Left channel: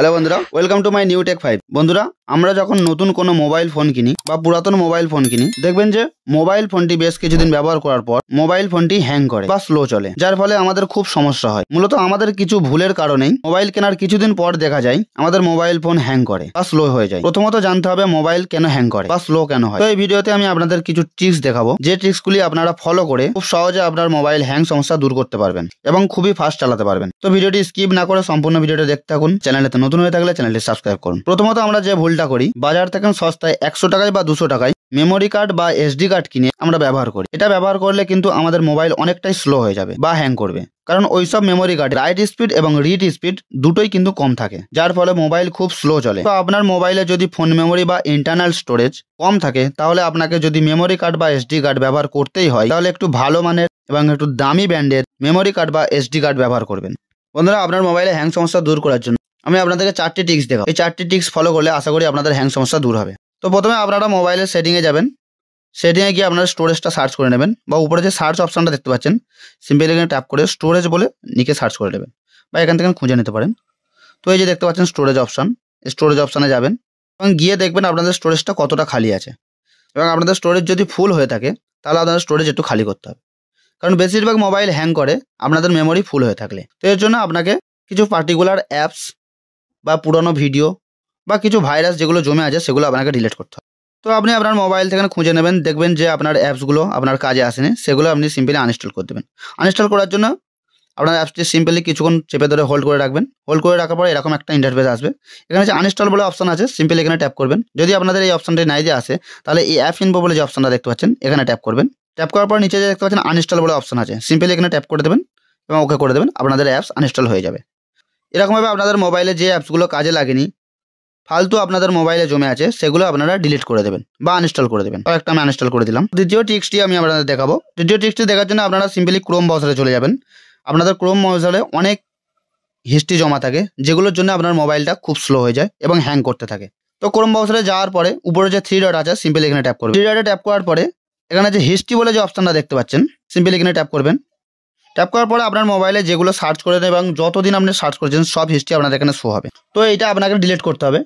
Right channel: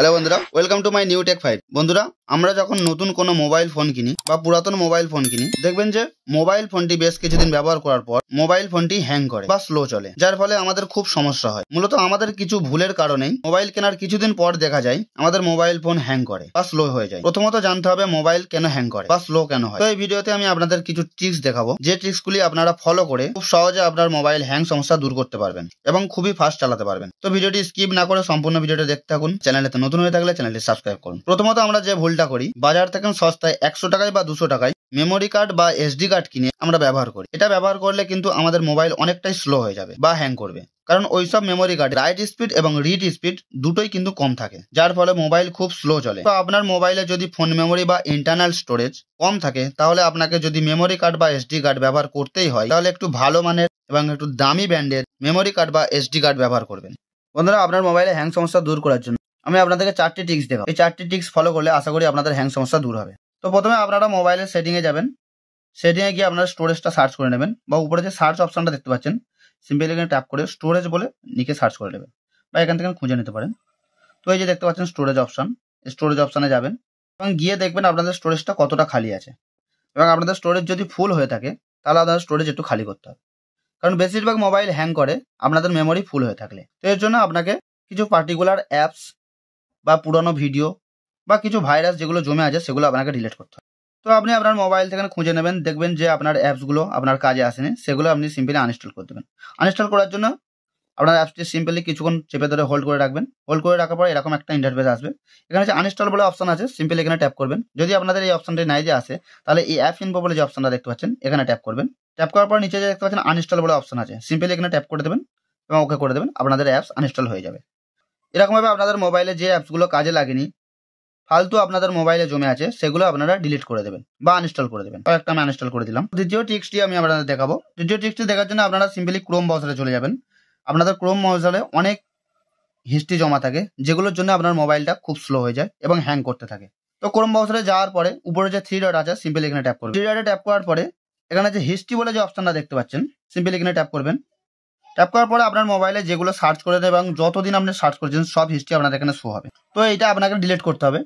Hello বন্ধুরা, welcome to my new tech 5। বন্ধুরা, আমরা যখন নতুন কোনো মোবাইল ফোন কিনি বা পুরাতন মোবাইল ফোন কিনি, দেখবেন যে মোবাইল ফোনটি বেশ কিছুদিন ব্যবহার করার পর মোবাইল ফোনটি হ্যাং করে বা স্লো চলে, যার ফলে আমাদের খুব সমস্যা হয়। মূলত আমাদের কিছু ভুলের কারণেই মোবাইল কেনার কিছুদিন পর দেখা যায় আমাদের মোবাইল ফোন হ্যাং করে বা স্লো হয়ে যায়। প্রথমত জানতে হবে মোবাইল কেন হ্যাং করে বা স্লো কেন হয়। তো এই ভিডিওতে আমি আপনাদের কিছু ট্রিক্স দেখাবো, যে ট্রিক্সগুলি আপনারা ফলো করে খুব সহজে আপনার মোবাইল হ্যাং সমস্যা দূর করতে পারবেন এবং খুবই ফাস্ট চালাতে পারবেন। তো ভিডিওটি স্কিপ না করে সম্পূর্ণ ভিডিওটা দেখতে থাকুন। চ্যানেলে নতুন হয়ে থাকলে চ্যানেলটি সাবস্ক্রাইব করুন। প্রথমত আমরা যে ভুলটা করি, বাজার থেকে সস্তায় 100 টাকায় বা 200 টাকায় মেমোরি কার্ড বা এসডি কার্ড কিনে আমরা ব্যবহার করি। এটা ব্যবহার করলে কিন্তু আমাদের মোবাইল অনেকটাই স্লো হয়ে যাবে বা হ্যাং করবে, কারণ ওইসব মেমোরি কার্ড রাইট স্পিড এবং রিড স্পিড দুটোই কিন্তু কম থাকে, যার ফলে মোবাইল খুব স্লো চলে। তো আপনার মোবাইলে যদি ফোন মেমোরি বা ইন্টারনাল স্টোরেজ কম থাকে, তাহলে আপনাকে যদি মেমোরি কার্ড বা এসডি কার্ড ব্যবহার করতেই হয়, তাহলে একটু ভালো মানের এবং একটু দামি ব্র্যান্ডের মেমোরি কার্ড বা এসডি কার্ড ব্যবহার করবেন। বন্ধুরা, আপনার মোবাইলে হ্যাং সমস্যা দূর করার জন্য আমি আপনাদেরকে 4টি টিক্স দেখাবো। এই 4টি টিক্স ফলো করলে আশা করি আপনাদের হ্যাং সমস্যা দূর হবে। তো প্রথমে আপনারা মোবাইলের সেটিংয়ে যাবেন। সেটিংয়ে গিয়ে আপনারা স্টোরেজটা সার্চ করে নেবেন, বা উপরে যে সার্চ অপশনটা দেখতে পাচ্ছেন, সিম্পলি এখানে ট্যাপ করে স্টোরেজ বলে নিচে সার্চ করে নেবেন, বা এখান থেকে খুঁজে নিতে পারেন। তো এই যে দেখতে পাচ্ছেন স্টোরেজ অপশন, স্টোরেজ অপশানে যাবেন এবং গিয়ে দেখবেন আপনাদের স্টোরেজটা কতটা খালি আছে। এবং আপনাদের স্টোরেজ যদি ফুল হয়ে থাকে, তাহলে আপনাদের স্টোরেজ একটু খালি করতে হবে, কারণ বেশিরভাগ মোবাইল হ্যাং করে আপনাদের মেমোরি ফুল হয়ে থাকলে। তো এর জন্য আপনাকে কিছু পার্টিকুলার অ্যাপস বা পুরনো ভিডিও বা কিছু ভাইরাস যেগুলো জমে আছে সেগুলো আপনাকে ডিলিট করতে হবে। তো আপনি আপনার মোবাইল থেকে খুঁজে নেবেন, দেখবেন যে আপনার অ্যাপসগুলো আপনার কাজে আসেনি, সেগুলো আপনি সিম্পলি আনইনস্টল করে দেবেন। আনইনস্টল করার জন্য আপনার অ্যাপসটি সিম্পলি কিছুক্ষণ চেপে ধরে হোল্ড করে রাখবেন। হোল্ড করে রাখার পরে এরকম একটা ইন্টারফেস আসবে। এখানে যে আনইনস্টল বলে অপশন আছে, সিম্পলি এখানে ট্যাপ করবেন। যদি আপনাদের এই অপশনটি নাই যে আসে, তাহলে এই অ্যাপ ইনফো বলে যে অপশনটা দেখতে পাচ্ছেন, এখানে ট্যাপ করবেন। ট্যাপ করার পর নিচে যে দেখতে পাচ্ছেন আনইনস্টল বলে অপশন আছে, সিম্পলি এখানে ট্যাপ করে দেবেন এবং ওকে করে দেবেন। আপনাদের অ্যাপস আনইনস্টল হয়ে যাবে। এরকমভাবে আপনাদের মোবাইলে যে অ্যাপসগুলো কাজে লাগেনি, ফালতু আপনাদের মোবাইলে জমে আছে, সেগুলো আপনারা ডিলিট করে দেবেন বা আনইনস্টল করে দেবেন। আর একটা আমি আনইনস্টল করে দিলাম। দ্বিতীয় ট্রিক্সটি আমি আপনাদের দেখাবো। দ্বিতীয় ট্রিক্সটি দেখার জন্য আপনারা সিম্পলি ক্রোম ব্রাউজারে চলে যাবেন। আপনাদের ক্রোম ব্রাউজারে অনেক হিস্ট্রি জমা থাকে, যেগুলোর জন্য আপনার মোবাইলটা খুব স্লো হয়ে যায় এবং হ্যাং করতে থাকে। তো ক্রোম ব্রাউজারে যাওয়ার পরে উপরে যে 3 ডট আছে, সিম্পলি এখানে ট্যাপ করবেন। 3 ডটে ট্যাপ করার পরে এখানে যে হিস্ট্রি বলে যে অপশনটা দেখতে পাচ্ছেন, সিম্পলি এখানে ট্যাপ করবেন। ট্যাপ করার পরে আপনার মোবাইলে যেগুলো সার্চ করে দেন এবং যতদিন আপনি সার্চ করেছেন সব হিস্ট্রি আপনাদের এখানে শো হবে। তো এটা আপনাকে ডিলিট করতে হবে।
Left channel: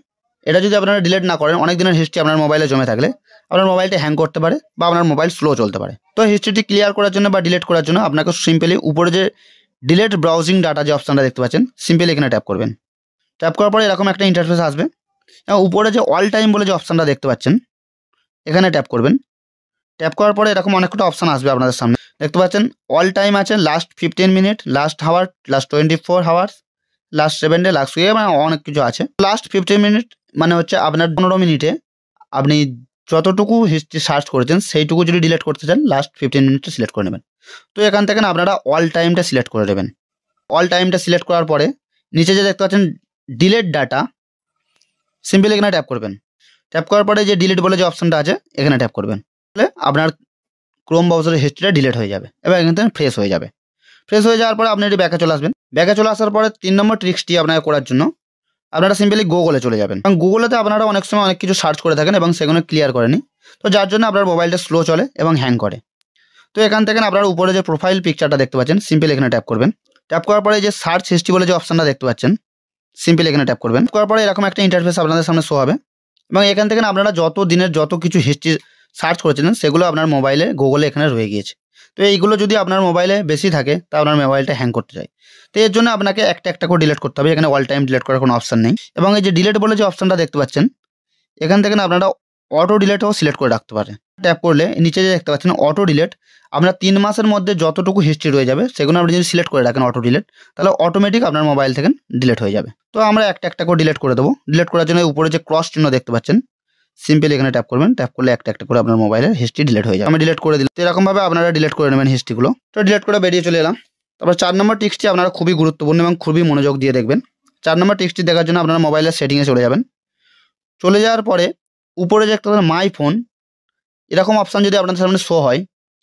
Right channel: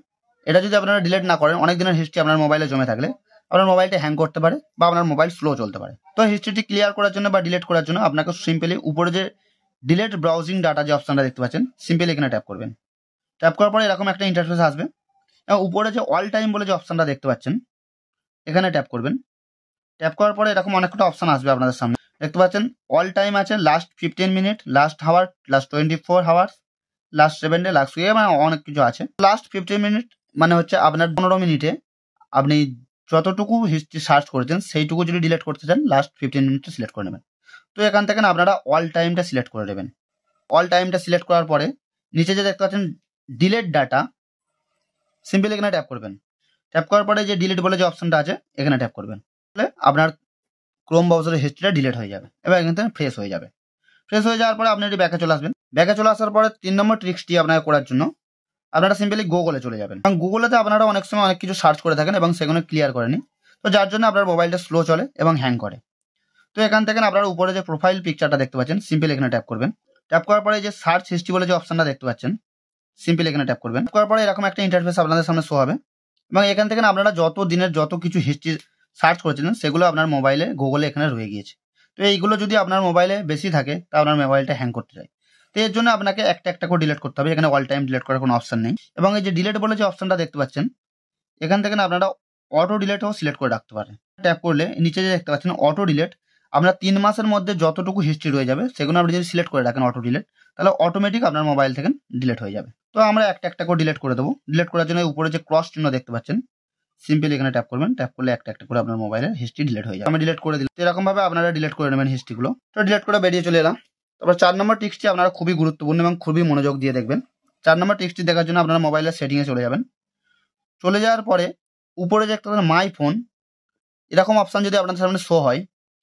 এটা যদি আপনারা ডিলিট না করেন, অনেক দিনের হিস্ট্রি আপনার মোবাইলে জমে থাকলে আপনার মোবাইলটা হ্যাং করতে পারে বা আপনার মোবাইল স্লো চলতে পারে। তো হিস্ট্রিটি ক্লিয়ার করার জন্য বা ডিলিট করার জন্য আপনাকে সিম্পলি উপরে যে ডিলিট ব্রাউজিং ডাটা যে অপশনটা দেখতে পাচ্ছেন, সিম্পলি এখানে ট্যাপ করবেন। ট্যাপ করার পরে এরকম একটা ইন্টারফেস আসবে এবং উপরে যে অল টাইম বলে যে অপশনটা দেখতে পাচ্ছেন, এখানে ট্যাপ করবেন। ট্যাপ করার পরে এরকম অনেকটা অপশন আসবে আপনাদের সামনে। দেখতে পাচ্ছেন অল টাইম আছে, last 15 minute, last hour, last 24 hours, last 7 day, last week, মানে অনেক কিছু আছে। লাস্ট 15 মিনিট মানে হচ্ছে আপনার 15 মিনিটে আপনি যতটুকু হিস্ট্রি সার্চ করেছেন সেইটুকু যদি ডিলিট করতে চান, লাস্ট 15 মিনিটটা সিলেক্ট করে নেবেন। তো এখান থেকে আপনারা অল টাইমটা সিলেক্ট করে দেবেন। অল টাইমটা সিলেক্ট করার পরে নিচে যে দেখতে পাচ্ছেন ডিলিট ডাটা, সিম্পলি এখানে ট্যাপ করবেন। ট্যাপ করার পরে যে ডিলিট বলে যে অপশনটা আছে, এখানে ট্যাপ করবেন। তাহলে আপনার ক্রোম ব্রাউজারের হিস্ট্রিটা ডিলিট হয়ে যাবে এবং এখান থেকে ফ্রেশ হয়ে যাবে। ফ্রেশ হয়ে যাওয়ার পরে আপনি এটি ব্যাকে চলে আসবেন। ব্যাকে চলে আসার পরে 3 নম্বর ট্রিক্সটি আপনাকে করার জন্য আপনারা সিম্পলি গুগলে চলে যাবেন। কারণ গুগলেতে আপনারা অনেক সময় অনেক কিছু সার্চ করে থাকেন এবং সেগুলো ক্লিয়ার করেনি, তো যার জন্য আপনার মোবাইলটা স্লো চলে এবং হ্যাং করে। তো এখান থেকে আপনারা উপরে যে প্রোফাইল পিকচারটা দেখতে পাচ্ছেন, সিম্পলি এখানে ট্যাপ করবেন। ট্যাপ করার পরে যে সার্চ হিস্ট্রি বলে যে অপশনটা দেখতে পাচ্ছেন, সিম্পলি এখানে ট্যাপ করবেন। করার পরে এরকম একটা ইন্টারফেস আপনাদের সামনে শো হবে এবং এখান থেকে আপনারা যত দিনের যত কিছু হিস্ট্রি সার্চ করেছিলেন সেগুলো আপনার মোবাইলে গুগলে এখানে রয়ে গিয়েছে। তো এইগুলো যদি আপনার মোবাইলে বেশি থাকে, তা আপনার মোবাইলটা হ্যাং করতে যায়। তো এর জন্য আপনাকে একটা একটা করে ডিলিট করতে হবে। এখানে অল টাইম ডিলিট করার কোনো অপশন নেই। এবং এই যে ডিলিট বলে যে অপশনটা দেখতে পাচ্ছেন, এখান থেকে আপনারা অটো ডিলিটও সিলেক্ট করে রাখতে পারেন। ট্যাপ করলে নিচে যে দেখতে পাচ্ছেন অটো ডিলিট, আপনার 3 মাসের মধ্যে যতটুকু হিস্ট্রি রয়ে যাবে সেগুলো আপনি যদি সিলেক্ট করে রাখেন অটো ডিলিট, তাহলে অটোমেটিক আপনার মোবাইল থেকে ডিলিট হয়ে যাবে। তো আমরা একটা একটা করে ডিলিট করে দেবো। ডিলিট করার জন্য উপরে যে ক্রস চিহ্ন দেখতে পাচ্ছেন, সিম্পলি এখানে ট্যাপ করবেন। ট্যাপ করলে একটা একটা করে আপনার মোবাইলের হিস্ট্রি ডিলিট হয়ে যাবে। আমি ডিলিট করে দিলাম। তো এরকমভাবে আপনারা ডিলিট করে নেবেন হিস্ট্রিগুলো। তো ডিলিট করে বেরিয়ে চলে এলাম। তারপর 4 নম্বর ট্রিক্সটি আপনারা খুবই গুরুত্বপূর্ণ এবং খুবই মনোযোগ দিয়ে দেখবেন। 4 নম্বর ট্রিক্সটি দেখার জন্য আপনারা মোবাইলের সেটিংয়ে চলে যাবেন। চলে যাওয়ার পরে উপরে যে একটা মাই ফোন এরকম অপশান যদি আপনাদের সামনে শো হয়,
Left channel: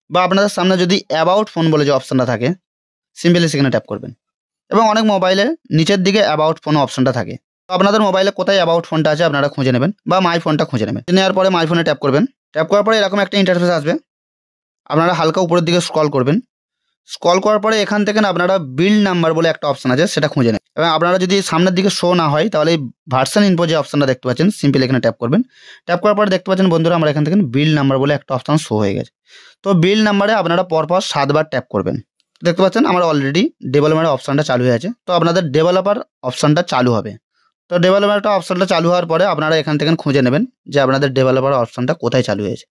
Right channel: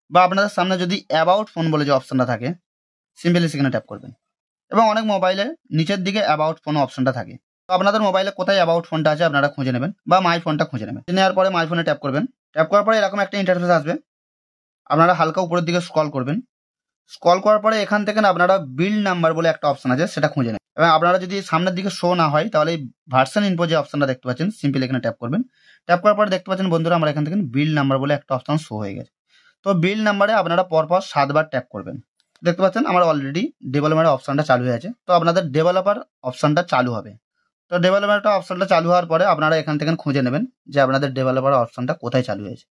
বা আপনাদের সামনে যদি অ্যাবাউট ফোন বলে যে অপশানটা থাকে, সিম্পলি সেখানে ট্যাপ করবেন। এবং অনেক মোবাইলে নিচের দিকে অ্যাবাউট ফোন অপশানটা থাকে। তো আপনাদের মোবাইলে কোথায় অ্যাবাউট ফোনটা আছে আপনারা খুঁজে নেবেন বা মাই ফোনটা খুঁজে নেবেন। নেওয়ার পরে মাই ফোনে ট্যাপ করবেন। ট্যাপ করার পরে এরকম একটা ইন্টারফেস আসবে। আপনারা হালকা উপরের দিকে স্ক্রল করবেন। স্ক্রল করার পরে এখান থেকে না আপনারা বিল্ড নাম্বার বলে একটা অপশন আছে, সেটা খুঁজে নেন। এবং আপনারা যদি সামনের দিকে শো না হয় তাহলে ভার্সন ইনফো যে অপশনটা দেখতে পাচ্ছেন, সিম্পল এখানে ট্যাপ করবেন। ট্যাপ করার পরে দেখতে পাচ্ছেন বন্ধুরা, আমরা এখান থেকে বিল্ড নাম্বার বলে একটা অপশন শো হয়ে গেছে। তো বিল্ড নাম্বারে আপনারা পরপর 7 বার ট্যাপ করবেন। দেখতে পাচ্ছেন আমার অলরেডি ডেভেলপমেন্টের অপশনটা চালু হয়ে আছে। তো আপনাদের ডেভেলপার অপশনটা চালু হবে। তো ডেভেলপমেন্টের অপশনটা চালু হওয়ার পরে আপনারা এখান থেকে খুঁজে নেবেন যে আপনাদের ডেভেলপার অপশনটা কোথায় চালু হয়েছে।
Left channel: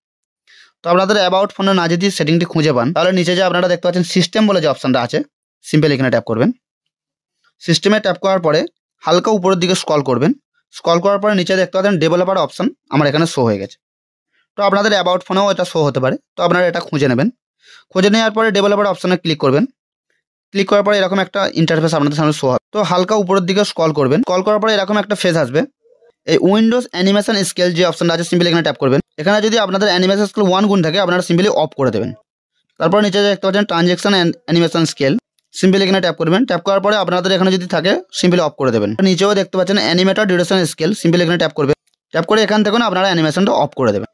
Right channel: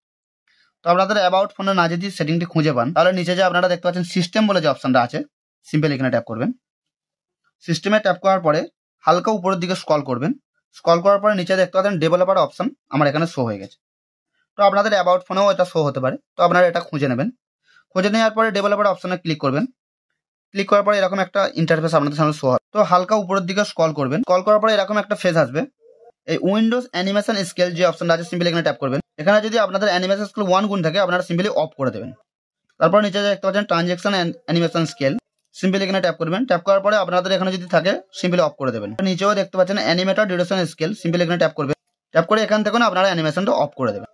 তো আপনাদের অ্যাবাউট ফোনে না যদি সেটিংটি খুঁজে পান, তাহলে নিচে যে আপনারা দেখতে পাচ্ছেন সিস্টেম বলে যে অপশনটা আছে, সিম্পল এখানে ট্যাপ করবেন। সিস্টেমে ট্যাপ করার পরে হালকা উপরের দিকে স্ক্রল করবেন। স্ক্রল করার পরে নিচে দেখতে পাচ্ছেন ডেভেলপার অপশন আমার এখানে শো হয়ে গেছে। তো আপনাদের অ্যাবাউট ফোনেও এটা শো হতে পারে। তো আপনারা এটা খুঁজে নেবেন। খুঁজে নেওয়ার পরে ডেভেলপার অপশনে ক্লিক করবেন। ক্লিক করার পরে এরকম একটা ইন্টারফেস আপনাদের সামনে শো হবে। তো হালকা উপরের দিকে স্ক্রল করবেন। স্ক্রল করার পরে এরকম একটা ফেজ আসবে। এই উইন্ডোজ অ্যানিমেশন স্কেল যে অপশনটা আছে, সিম্পলি এখানে ট্যাপ করবেন। এখানে যদি আপনাদের অ্যানিমেশন স্কেল 1 গুণ থাকে, আপনারা সিম্পলি অফ করে দেবেন। তারপর নিচে দেখতে পাচ্ছেন ট্রানজ্যাকশন অ্যানিমেশন স্কেল, সিম্পলি এখানে ট্যাপ করবেন। ট্যাপ করার পরে আপনাদের এখানে যদি থাকে সিম্পলি অফ করে দেবেন। নিচেও দেখতে পাচ্ছেন অ্যানিমেটর ডিউরেশন স্কেল, সিম্পলি এখানে ট্যাপ করবেন। ট্যাপ করে এখান থেকে আপনারা অ্যানিমেশনটা অফ করে দেবেন।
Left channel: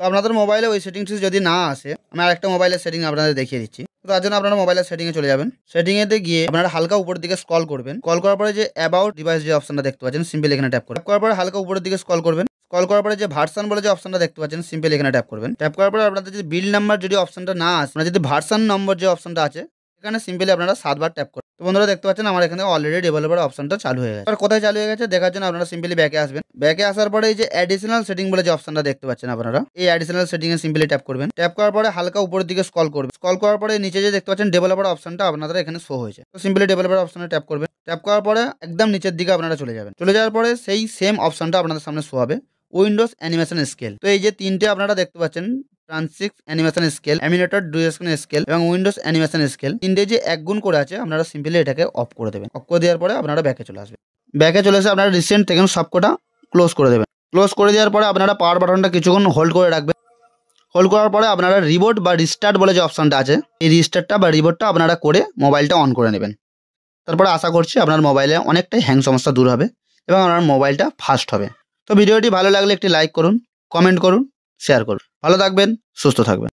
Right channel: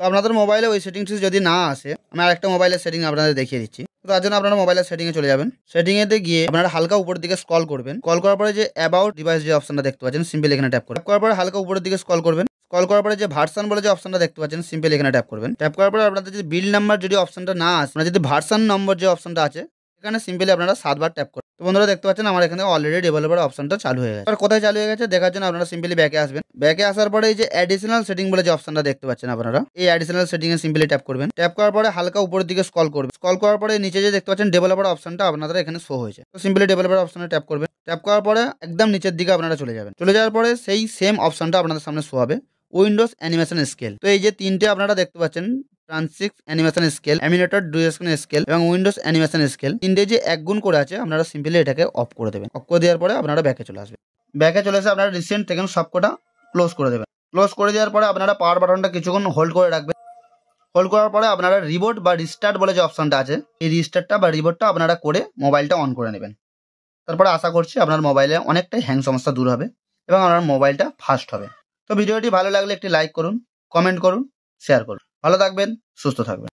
তো আপনাদের মোবাইলে ওই সেটিংস যদি না আসে, আমি আরেকটা মোবাইলের সেটিং আপনাদের দেখিয়ে দিচ্ছি। তো তার জন্য আপনারা মোবাইলের সেটিংয়ে চলে যাবেন। সেটিংয়েতে গিয়ে আপনারা হালকা উপরের দিকে স্ক্রল করবেন। স্ক্রল করার পরে যে অ্যাবাউট ডিভাইস যে অপশনটা দেখতে পাচ্ছেন, সিম্পলি এখানে ট্যাপ করবেন। ট্যাপ করার পরে হালকা উপরের দিকে স্ক্রল করবেন। স্ক্রল করার পরে যে ভার্সন বলে যে অপশনটা দেখতে পাচ্ছেন, সিম্পলি এখানে ট্যাপ করবেন। ট্যাপ করার পরে আপনাদের যদি বিল্ড নাম্বার যদি অপশনটা না আসে, মানে যদি ভার্সন নম্বর যে অপশনটা আছে, এখানে সিম্পলি আপনারা 7 বার ট্যাপ করবেন। তো বন্ধুরা দেখতে পাচ্ছেন আমার এখানে অলরেডি ডেভেলপার অপশনটা চালু হয়ে গেছে। আর কোথায় চালু হয়ে গেছে দেখার জন্য আপনারা সিম্পলি ব্যাকে আসবেন। ব্যাকে আসার পরে এই যে অ্যাডিশনাল সেটিং বলে যে অপশনটা দেখতে পাচ্ছেন আপনারা, এই অ্যাডিশনাল সেটিং এ সিম্পলি ট্যাপ করবেন। ট্যাপ করার পরে হালকা উপরের দিকে স্ক্রল করবেন। স্ক্রল করার পরে নিচে যে দেখতে পাচ্ছেন ডেভেলপার অপশনটা আপনাদের এখানে শো হয়েছে। তো সিম্পলি ডেভেলপার অপশনে ট্যাপ করবেন। ট্যাপ করার পরে একদম নিচের দিকে আপনারা চলে যাবেন। চলে যাওয়ার পরে সেই সেম অপশনটা আপনাদের সামনে শো হবে, উইন্ডোজ অ্যানিমেশন স্কেল। তো এই যে তিনটে আপনারা দেখতে পাচ্ছেন, transition animation scale, animator duration scale এবং উইন্ডোজ অ্যানিমেশন স্কেল, তিনটে যে এক গুণ করে আছে, আপনারা সিম্পলি এটাকে অফ করে দেবেন। অফ করে দেওয়ার পরে আপনারা ব্যাকে চলে আসবেন। ব্যাকে চলে এসে আপনারা রিসেন্ট থেকে সবকটা ক্লোজ করে দেবেন। ক্লোজ করে দেওয়ার পরে আপনারা পাওয়ার বাটনটা কিছুক্ষণ হোল্ড করে রাখবেন। হোল্ড করার পরে আপনারা রিবোট বা রিস্টার্ট বলে যে অপশনটা আছে, এই রিস্টার্টটা বা রিবোটটা আপনারা করে মোবাইলটা অন করে নেবেন। তারপরে আশা করছি আপনার মোবাইলে অনেকটাই হ্যাং সমস্যা দূর হবে এবং আপনার মোবাইলটা ফাস্ট হবে। তো ভিডিওটি ভালো লাগলে একটি লাইক করুন, কমেন্ট করুন, শেয়ার করুন। ভালো থাকবেন, সুস্থ থাকবেন।